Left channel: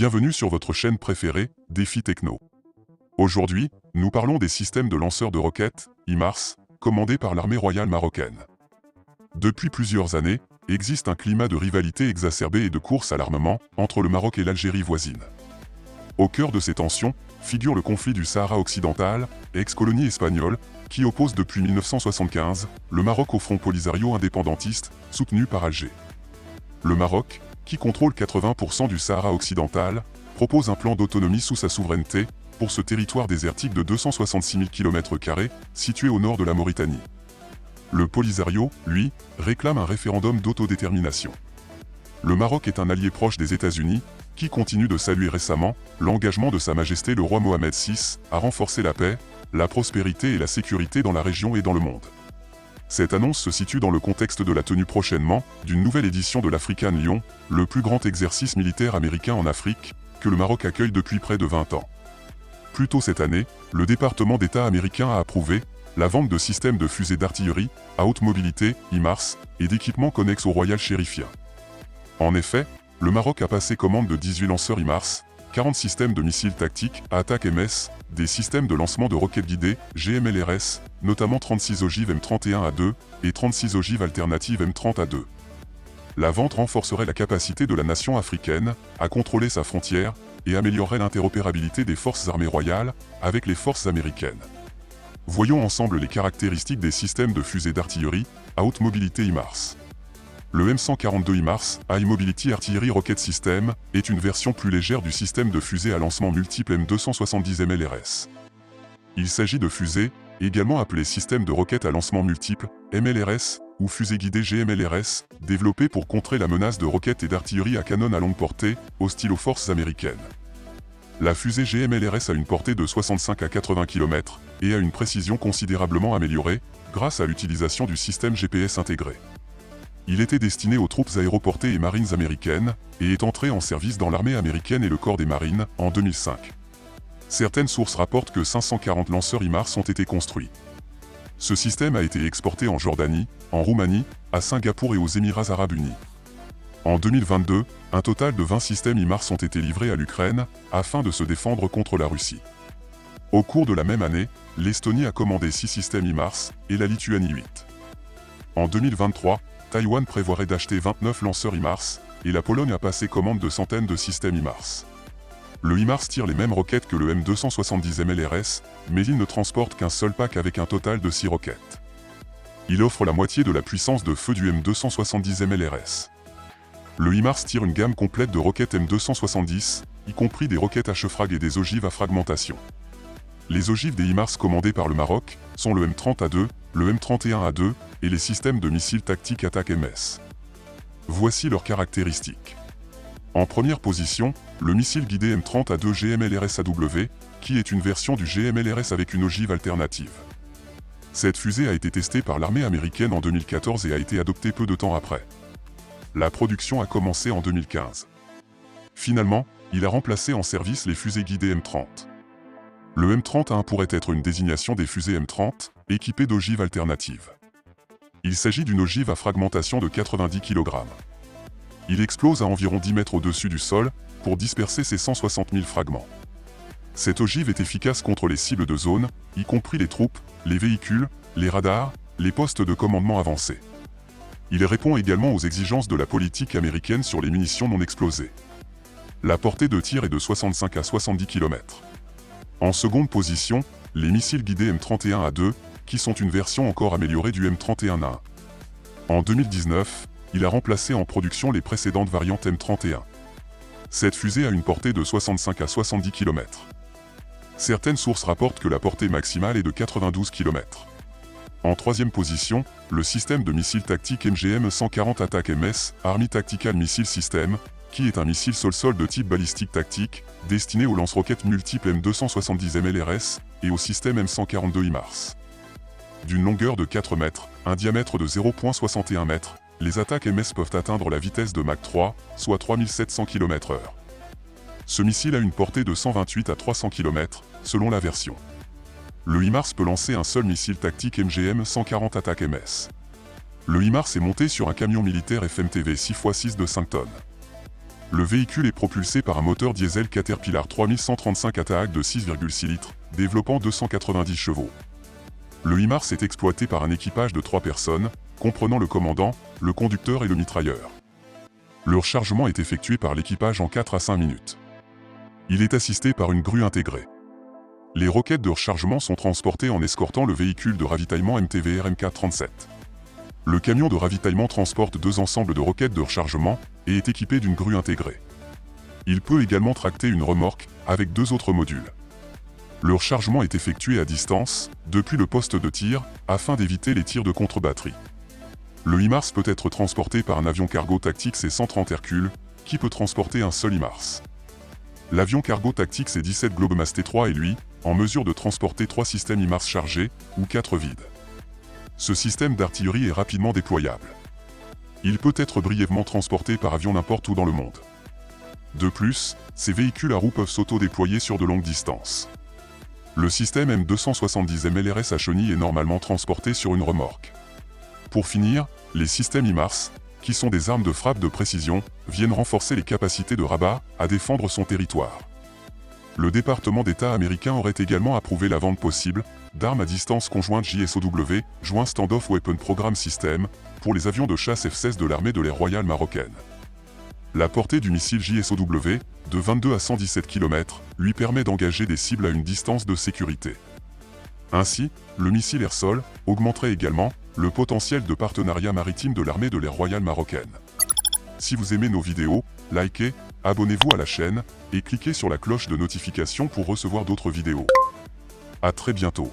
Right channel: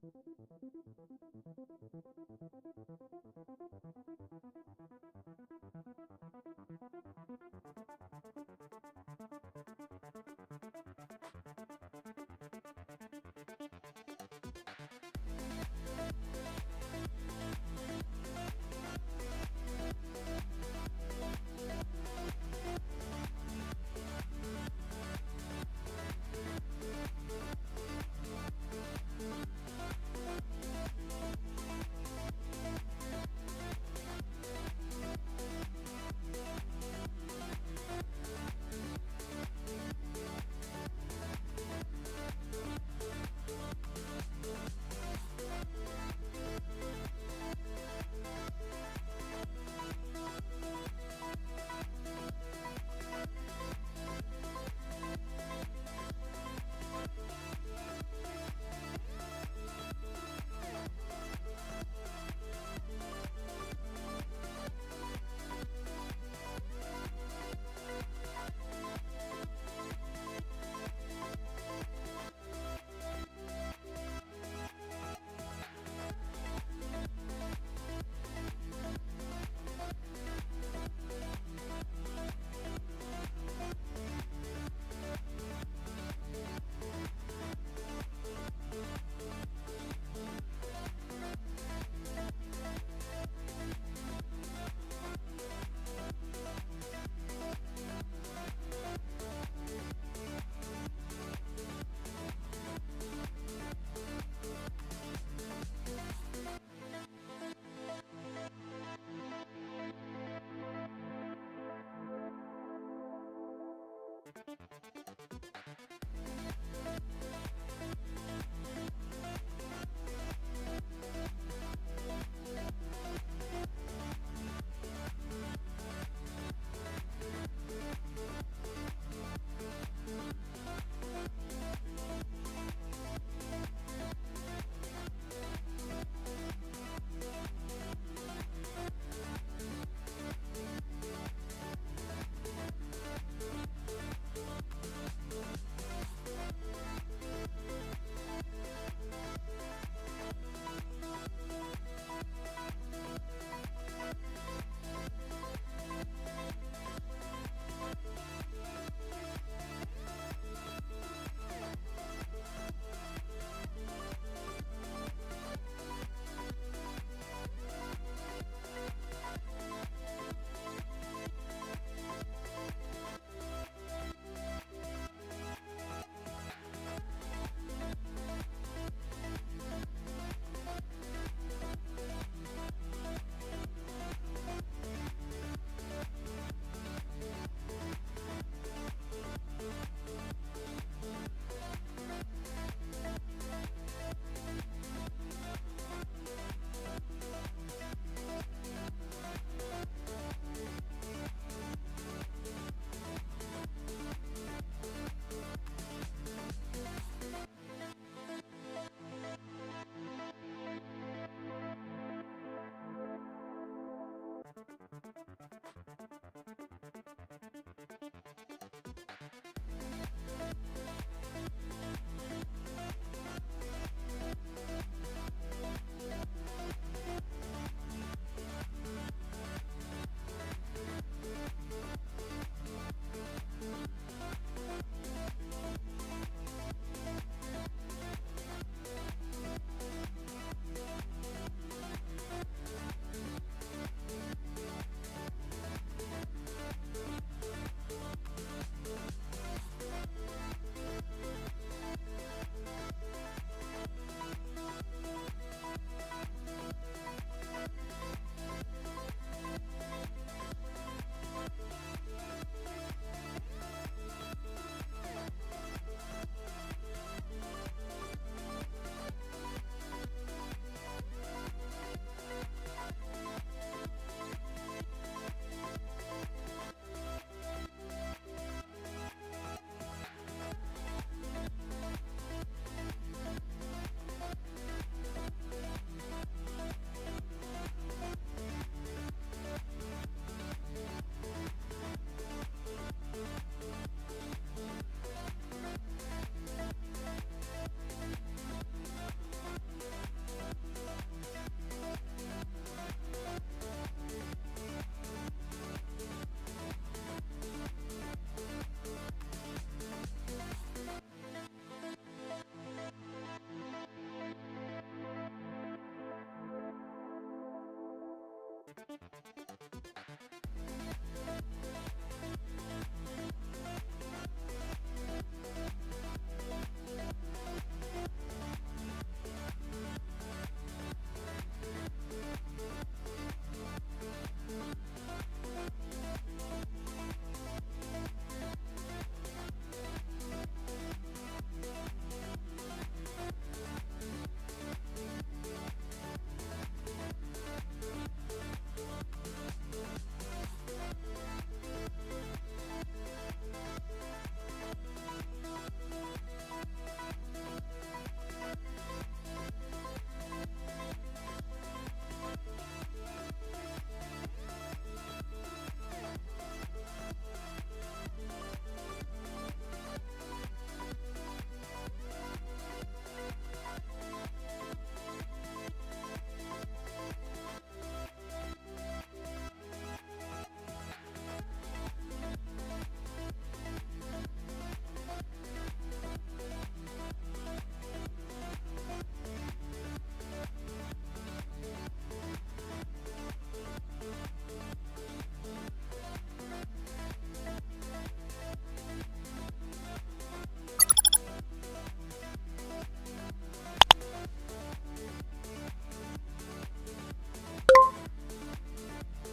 Bienvenue sur votre chaîne préférée, Défi Techno. Aujourd'hui, nous parlons des systèmes de lanceurs de roquettes, HIMARS, commandés par l'armée royale marocaine. Depuis plusieurs années, existe un climat de rivalité exacerbé et de course à l'armement entre le Maroc et l'Algérie voisine. Au cœur de ces tensions, figure le conflit du Sahara occidental, ex-colonie espagnole, qui oppose depuis 1975 le Maroc au Front Polisario indépendantiste, soutenu par Alger. Le Maroc, qui contrôle 80% du Sahara occidental, propose un plan d'autonomie sous sa souveraineté pour ce territoire désertique de 266 000 km², situé au nord de la Mauritanie. Le Polisario, lui, réclame un référendum d'autodétermination. Le Maroc est un allié proche des États-Unis, qui continue de saluer récemment l'engagement de Sa Majesté le roi Mohamed VI à renforcer la paix, la prospérité et la sécurité dans la région et dans le monde. Cette annonce se situe dans le contexte de la tenue prochainement d'une nouvelle édition de l'African Lion, le plus grand exercice militaire américain en Afrique, que le Maroc accueille depuis près de 20 ans. Plus tôt cette année, le département d'État américain a approuvé la vente de systèmes de fusées d'artillerie à haute mobilité, HIMARS, et d'équipements connexes au Royal Sheriffia. En effet, le Maroc a passé commande de 18 lanceurs HIMARS, 40 systèmes de missiles tactiques à attaque MS, des systèmes de lancement de roquettes guidées, GMLRS, notamment 36 ogives M31A2 et 36 ogives alternatives M30A2. La vente renforcerait la capacité de la nation africaine à contrôler sa frontière et améliorerait l'interopérabilité des forces armées royales avec les forces américaines. Voyons ensemble les caractéristiques des systèmes de fusées d'artillerie à haute mobilité HIMARS. Le M142 HIMARS, High Mobility Artillery Rocket System, est une version plus légère du système de fusée à lancement multiple M270 MLRS. Il s'agit de fusées, également appelées système de roquettes à lancement multiple, MLRS, ou fusées guidées GMLRS, développées pour contrer la menace de roquettes et d'artillerie à canon à longue portée, hostiles aux forces américaines. La fusée GMLRS a une portée de 65 à 80 km et a une précision considérablement améliorée grâce à l'utilisation du système GPS intégré. Il était destiné aux troupes aéroportées et marines américaines et est entré en service dans l'armée américaine et le corps des marines en 2005. Certaines sources rapportent que 540 lanceurs HIMARS ont été construits. Ce système a été exporté en Jordanie, en Roumanie, à Singapour et aux Émirats arabes unis. En 2022, un total de 20 systèmes HIMARS ont été livrés à l'Ukraine afin de se défendre contre la Russie. Au cours de la même année, l'Estonie a commandé 6 systèmes HIMARS et la Lituanie 8. En 2023, Taïwan prévoirait d'acheter 29 lanceurs HIMARS, et la Pologne a passé commande de centaines de systèmes HIMARS. Le HIMARS tire les mêmes roquettes que le M270 MLRS, mais il ne transporte qu'un seul pack avec un total de 6 roquettes. Il offre la moitié de la puissance de feu du M270 MLRS. Le HIMARS tire une gamme complète de roquettes M270, y compris des roquettes à chefrag et des ogives à fragmentation. Les ogives des HIMARS commandés par le Maroc sont le M30A2, le M31A2 et les systèmes de missiles tactiques attaque MS. Voici leurs caractéristiques. En première position, le missile guidé M30A2 GMLRS-AW, qui est une version du GMLRS avec une ogive alternative. Cette fusée a été testée par l'armée américaine en 2014 et a été adoptée peu de temps après. La production a commencé en 2015. Finalement, il a remplacé en service les fusées guidées M30. Le M30A1 pourrait être une désignation des fusées M30, équipées d'ogives alternatives. Il s'agit d'une ogive à fragmentation de 90 kg. Il explose à environ 10 mètres au-dessus du sol, pour disperser ses 160 000 fragments. Cette ogive est efficace contre les cibles de zone, y compris les troupes, les véhicules, les radars, les postes de commandement avancés. Il répond également aux exigences de la politique américaine sur les munitions non explosées. La portée de tir est de 65 à 70 km. En seconde position, les missiles guidés M31A2, qui sont une version encore améliorée du M31A1. En 2019, il a remplacé en production les précédentes variantes M31. Cette fusée a une portée de 65 à 70 km. Certaines sources rapportent que la portée maximale est de 92 km. En troisième position, le système de missiles tactiques MGM-140 Attack MS, Army Tactical Missile System, qui est un missile sol-sol de type balistique tactique, destiné aux lance-roquettes multiples M270 MLRS et au système M142 HIMARS. D'une longueur de 4 mètres, un diamètre de 0,61 m, les attaques MS peuvent atteindre la vitesse de Mach 3, soit 3700 km/h. Ce missile a une portée de 128 à 300 km, selon la version. Le HIMARS peut lancer un seul missile tactique MGM-140 Attack MS. Le HIMARS est monté sur un camion militaire FMTV 6x6 de 5 tonnes. Le véhicule est propulsé par un moteur diesel Caterpillar 3135 ATAC de 6,6 litres, développant 290 chevaux. Le HIMARS est exploité par un équipage de 3 personnes, comprenant le commandant, le conducteur et le mitrailleur. Le rechargement est effectué par l'équipage en 4 à 5 minutes. Il est assisté par une grue intégrée. Les roquettes de rechargement sont transportées en escortant le véhicule de ravitaillement MTVR MK37. Le camion de ravitaillement transporte 2 ensembles de roquettes de rechargement et est équipé d'une grue intégrée. Il peut également tracter une remorque avec 2 autres modules. Le rechargement est effectué à distance, depuis le poste de tir, afin d'éviter les tirs de contre-batterie. Le HIMARS peut être transporté par un avion cargo tactique C-130 Hercule, qui peut transporter un seul HIMARS. L'avion cargo tactique C-17 Globemaster T3 est lui, en mesure de transporter 3 systèmes HIMARS chargés, ou 4 vides. Ce système d'artillerie est rapidement déployable. Il peut être brièvement transporté par avion n'importe où dans le monde. De plus, ces véhicules à roues peuvent s'auto-déployer sur de longues distances. Le système M270 MLRS à chenilles est normalement transporté sur une remorque. Pour finir, les systèmes HIMARS, qui sont des armes de frappe de précision, viennent renforcer les capacités de Rabat à défendre son territoire. Le département d'État américain aurait également approuvé la vente possible d'armes à distance conjointe JSOW, Joint Standoff Weapon Program System, pour les avions de chasse F-16 de l'armée de l'air royale marocaine. La portée du missile JSOW, de 22 à 117 km, lui permet d'engager des cibles à une distance de sécurité. Ainsi, le missile air-sol augmenterait également le potentiel de partenariat maritime de l'armée de l'air royale marocaine. Si vous aimez nos vidéos, likez, abonnez-vous à la chaîne et cliquez sur la cloche de notification pour recevoir d'autres vidéos. À très bientôt.